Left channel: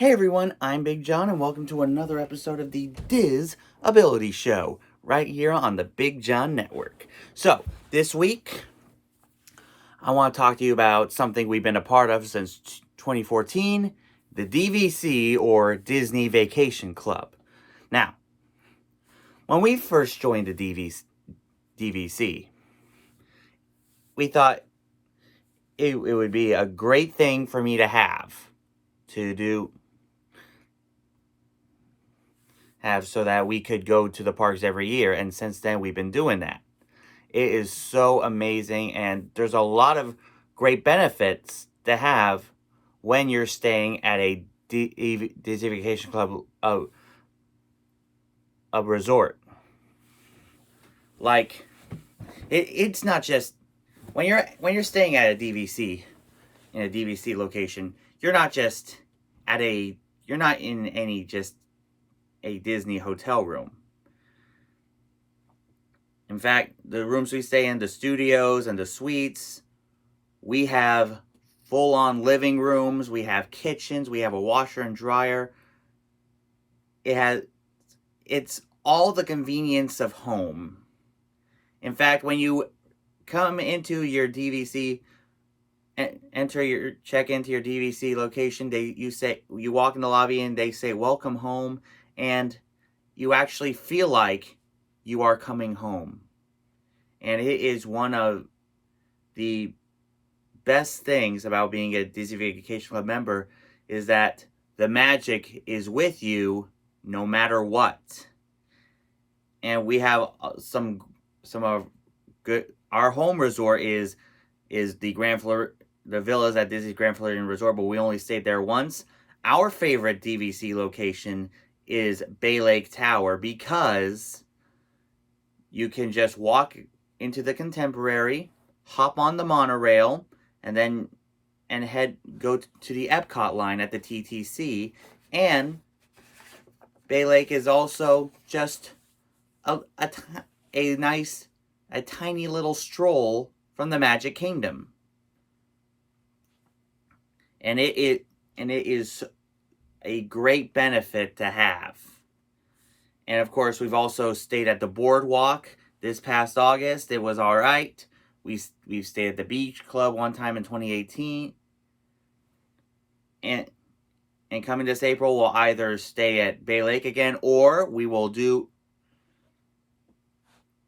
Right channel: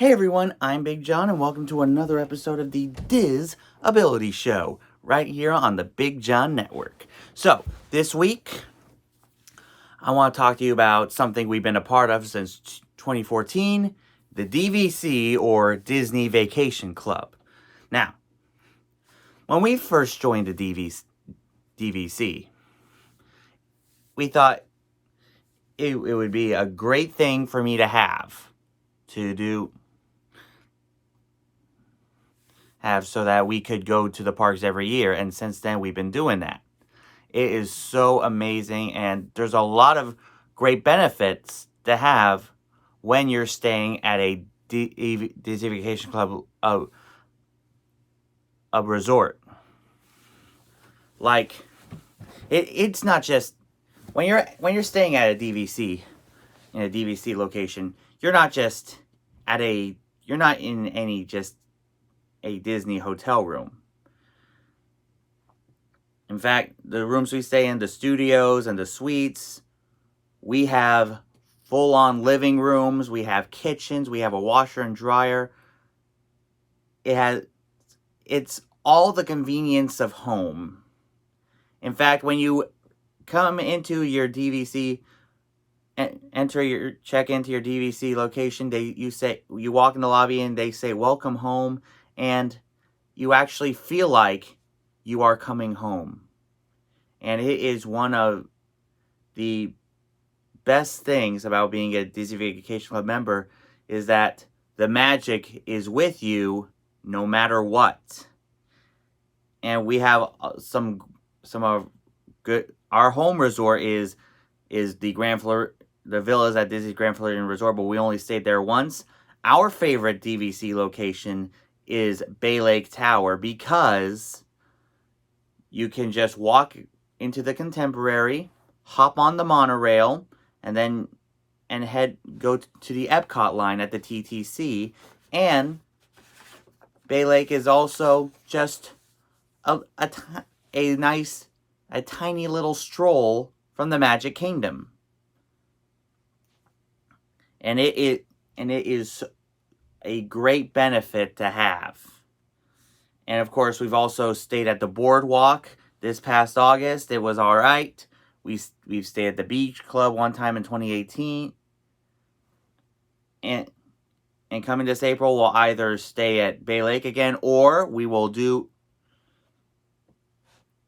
Hey everyone, I'm Big John and welcome to another episode of the Diz Ability Show right here on the Big John Network. So, this week, I want to talk to you about something we've been a part of since 2014, the DVC or Disney Vacation Club. Now, when we first joined the DVC, we thought it would be a great thing for me to have so that we could go to the parks every year, and since then we've been doing that. It is so amazing, and there's a lot of great benefits to have when you're staying at a Disney Vacation Club a resort. Like, it's not just when you're staying at a DVC in a DVC location, you're not in any just a Disney hotel room. In fact, the rooms we stay in, the studios and the suites, we have full-on living rooms, we have kitchens, we have a washer and dryer. It's all the convenience of home. In fact, when you come into your DVC, check into your DVC location, you walk in the lobby and they say welcome home, and you actually feel like you are coming home. And it is one of the best things about being a Disney Vacation Club member is that the magic is with you no matter what. And we have some of good. Our home resort is the villas at Disney's Grand Floridian Resort, but we only stayed there once. Our favorite DVC location is Bay Lake Tower because you can just walk into the Contemporary, hop on the monorail, and then go to the Epcot line at the TTC. And Bay Lake is also just a tiny little stroll from the Magic Kingdom. And it is a great benefit to have. And of course, we've also stayed at the boardwalk this past August. It was all right. We've stayed at the Beach Club one time in 2018. And coming this April, we'll either stay at Bay Lake again, or we will do,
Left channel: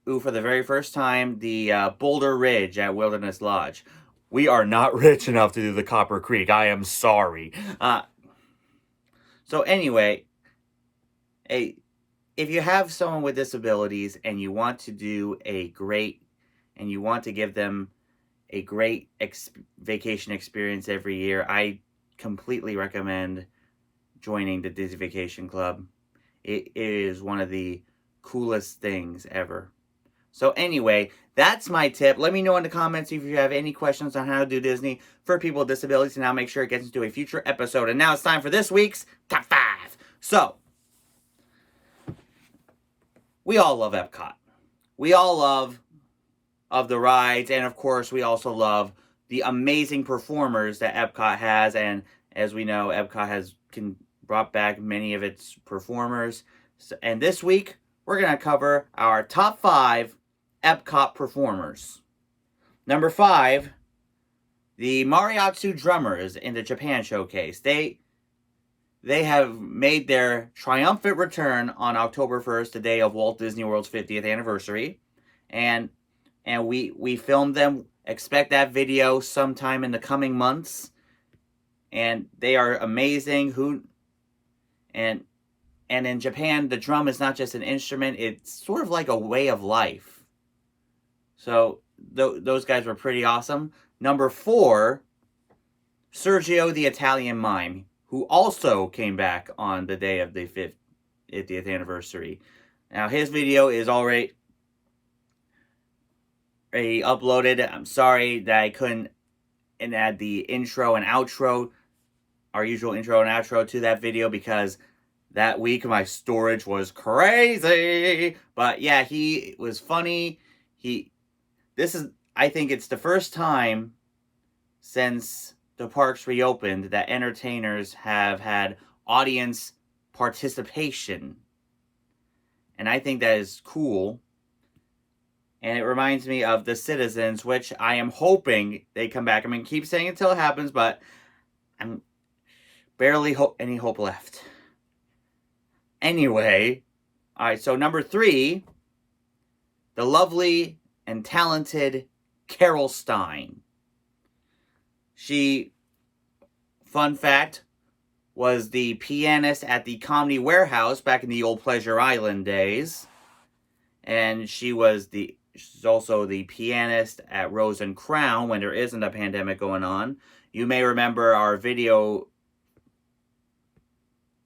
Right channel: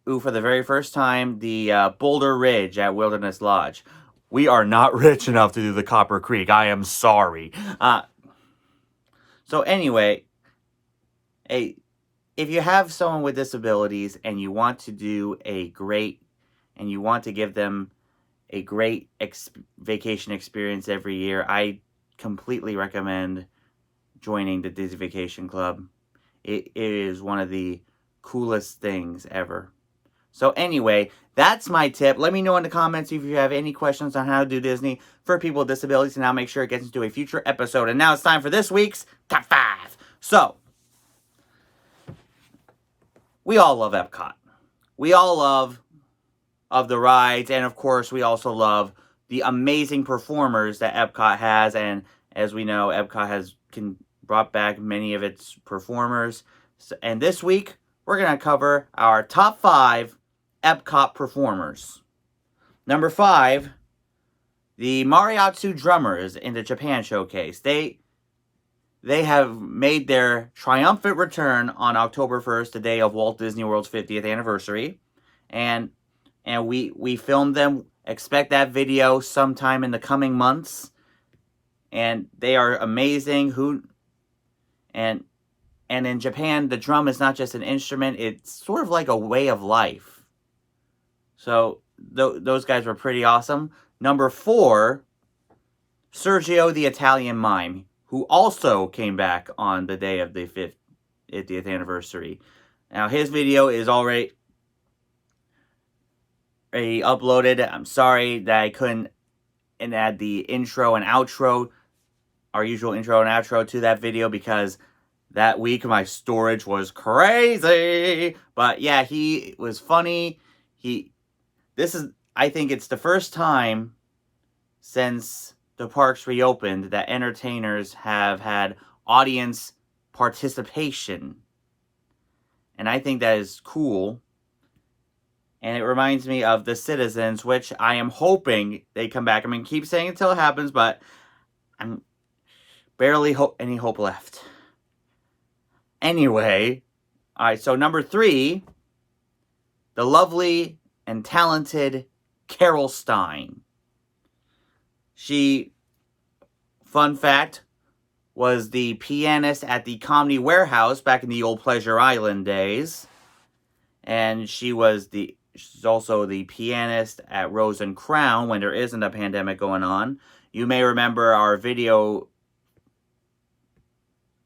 for the very first time, the Boulder Ridge at Wilderness Lodge. We are not rich enough to do the Copper Creek. I am sorry. So anyway, if you have someone with disabilities and you want to give them a great vacation experience every year, I completely recommend joining the Disney Vacation Club. It is one of the coolest things ever. So anyway, that's my tip. Let me know in the comments if you have any questions on how to do Disney for people with disabilities, and I'll make sure it gets into a future episode. And now it's time for this week's Top 5. So, we all love Epcot. We all love the rides, and of course, we also love the amazing performers that Epcot has. And as we know, Epcot has brought back many of its performers. And this week, we're going to cover our top 5 Epcot performers. Number 5, the Mariachi drummers in the Japan Showcase. They have made their triumphant return on October 1st, the day of Walt Disney World's 50th anniversary. And we filmed them. Expect that video sometime in the coming months. And they are amazing. And in Japan, the drum is not just an instrument, it's sort of like a way of life. So those guys were pretty awesome. Number 4, Sergio the Italian Mime, who also came back on the day of the 50th anniversary. Now, his video is already uploaded. I'm sorry that I couldn't add the intro and outro, our usual intro and outro to that video, because that week my storage was crazy. But yeah, he was funny. I think it's the first time since the parks reopened that entertainers have had audience participation. And I think that is cool. And it reminds me of The Citizens, which I am hoping they come back. I mean, keep saying it until it happens, but I'm barely any hope left. Anyway, all right, so number 3, the lovely and talented Carol Stein. She, fun fact, was the pianist at the Comedy Warehouse back in the old Pleasure Island days. And she's also the pianist at Rose and Crown when there isn't a pandemic going on. You may remember our video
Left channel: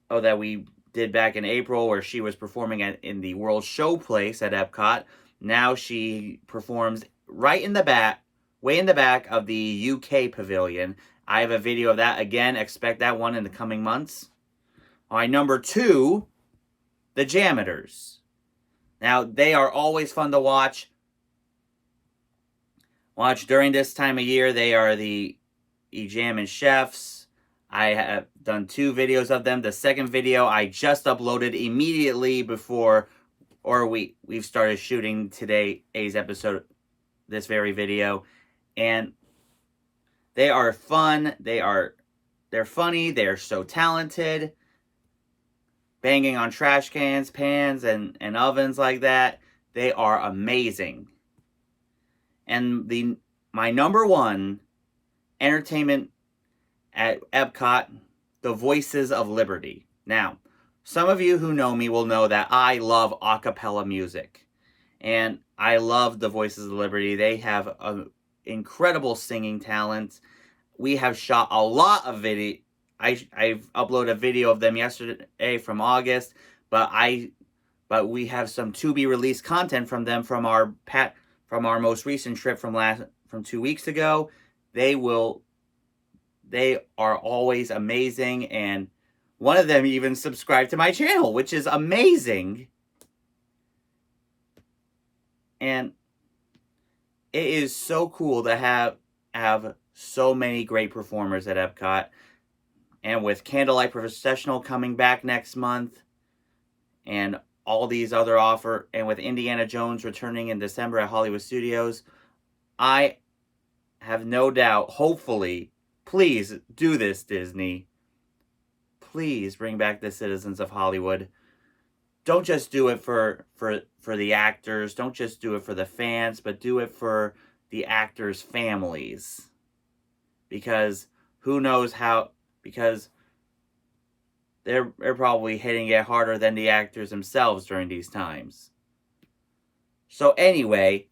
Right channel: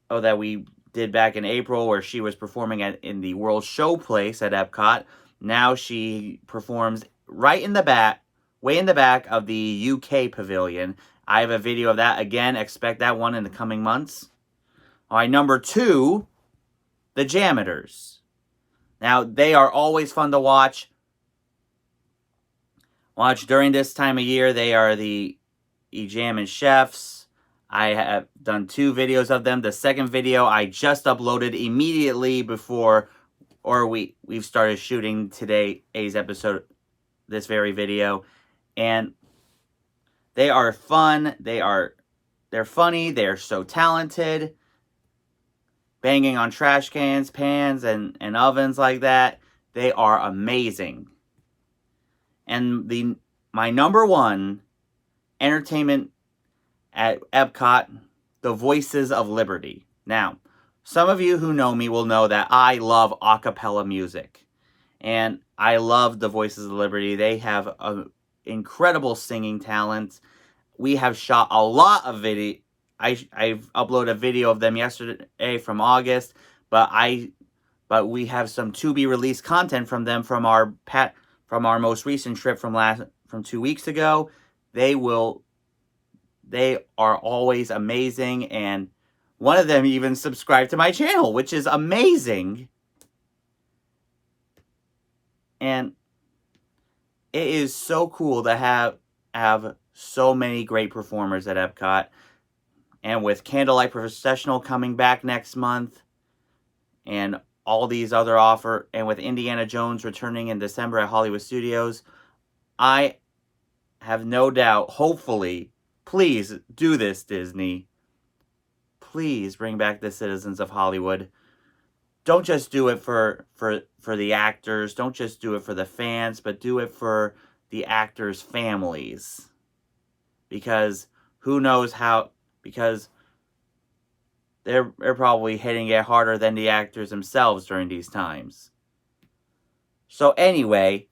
that we did back in April where she was performing in the World Showplace at Epcot. Now she performs right in the back, way in the back of the UK pavilion. I have a video of that. Again, expect that one in the coming months. All right, number 2, the Janitors. Now, they are always fun to watch. During this time of year. They are the Jammin' Chefs. I have done 2 videos of them. The second video I just uploaded immediately before, we've started shooting today's episode, this very video. And they are fun. They're funny. They're so talented. Banging on trash cans, pans, and ovens like that. They are amazing. And my number 1 entertainment at Epcot, the Voices of Liberty. Now, some of you who know me will know that I love a cappella music. And I love the Voices of Liberty. They have incredible singing talent. We have shot a lot of video. I've uploaded a video of them yesterday from August, but we have some to be released content from them from our most recent trip from 2 weeks ago. They are always amazing, and one of them even subscribed to my channel, which is amazing. And it is so cool to have so many great performers at Epcot. And with Candlelight Processional coming back next month, and all these other and with Indiana Jones returning in December at Hollywood Studios, I have no doubt, hopefully, please do this, Disney. Please bring back the citizens of Hollywood. Don't just do it for the actors. Don't just do it for the fans, but do it for the actors' families. Because who knows how... Because they're probably hitting it harder than the actors themselves during these times. So anyway,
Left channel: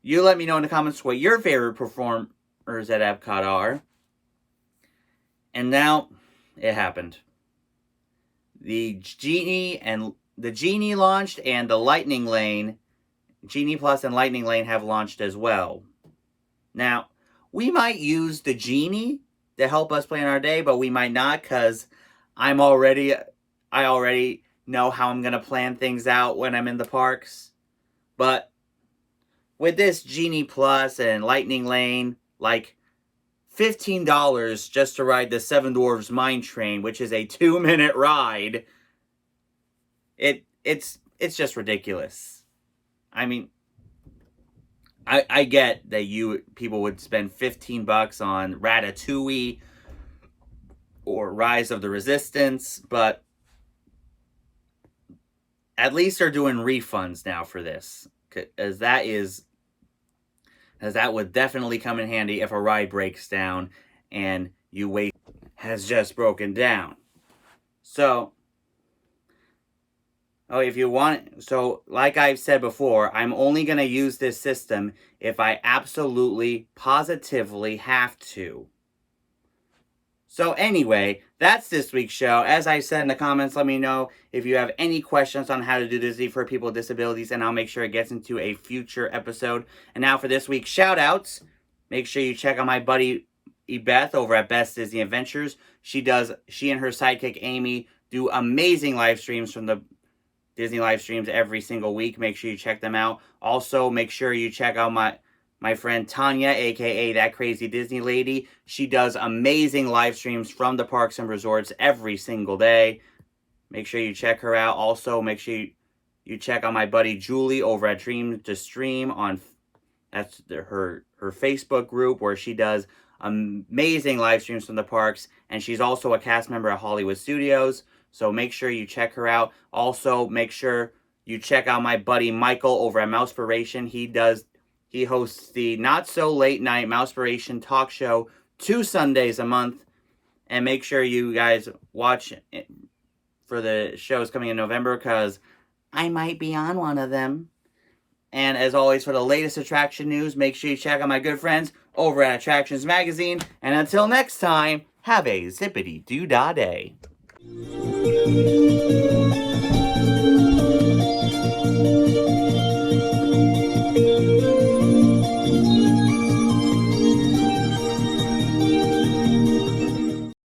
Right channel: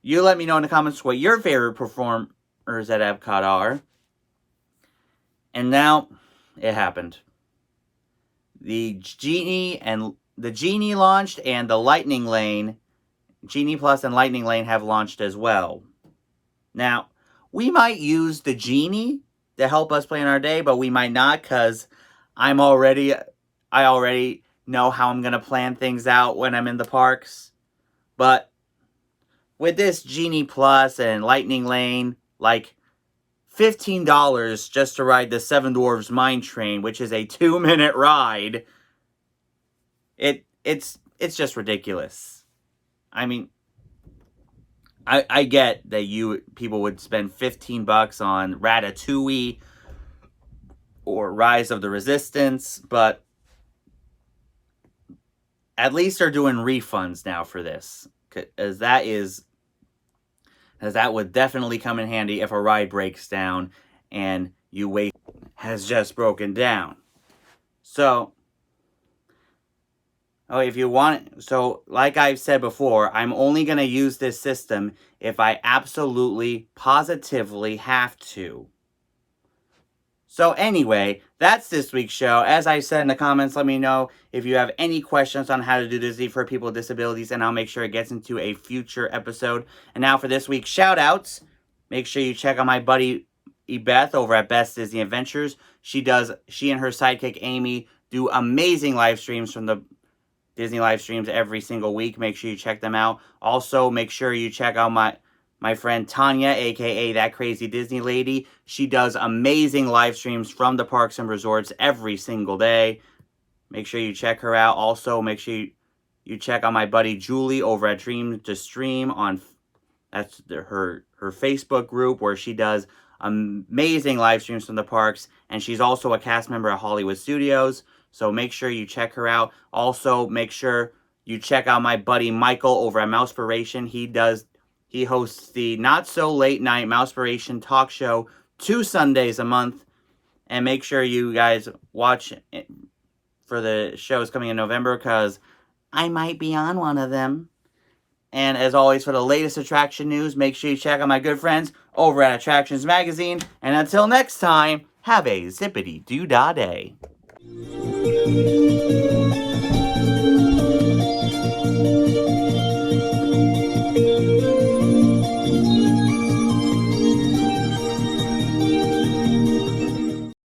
you let me know in the comments what your favorite performers at Epcot are. And now, it happened. The Genie launched, and the Lightning Lane, Genie Plus and Lightning Lane have launched as well. Now, we might use the Genie to help us plan our day, but we might not, because I already know how I'm going to plan things out when I'm in the parks. But with this Genie Plus and Lightning Lane, like $15 just to ride the Seven Dwarfs Mine Train, which is a 2-minute ride, it's just ridiculous. I mean, I get that people would spend $15 on Ratatouille or Rise of the Resistance, but at least they're doing refunds now for this, as that would definitely come in handy if a ride breaks down and you wait has just broken down. So, like I've said before, I'm only going to use this system if I absolutely, positively have to. So anyway, that's this week's show. As I said in the comments, let me know if you have any questions on how to do Disney for people with disabilities, and I'll make sure it gets into a future episode. And now for this week's shout-outs, make sure you check out my buddy Beth over at Best Disney Adventures. She and her sidekick Amy do amazing live streams from the Disney live streams every single week. Make sure you check them out. Also, make sure you check out my friend Tanya, aka That Crazy Disney Lady. She does amazing live streams from the parks and resorts every single day. Make sure you check her out. Also, make sure you check out my buddy Julie over at Dream to Stream on her Facebook group, where she does amazing live streams from the parks, and she's also a cast member at Hollywood Studios. So make sure you check her out. Also, make sure you check out my buddy Michael over at Mousepiration. He hosts the Not So Late Night Mousepiration talk show 2 Sundays a month. And make sure you guys watch for the shows coming in November, because I might be on one of them. And as always, for the latest attraction news, make sure you check out my good friends over at Attractions Magazine. And until next time, have a zippity-doo-dah day.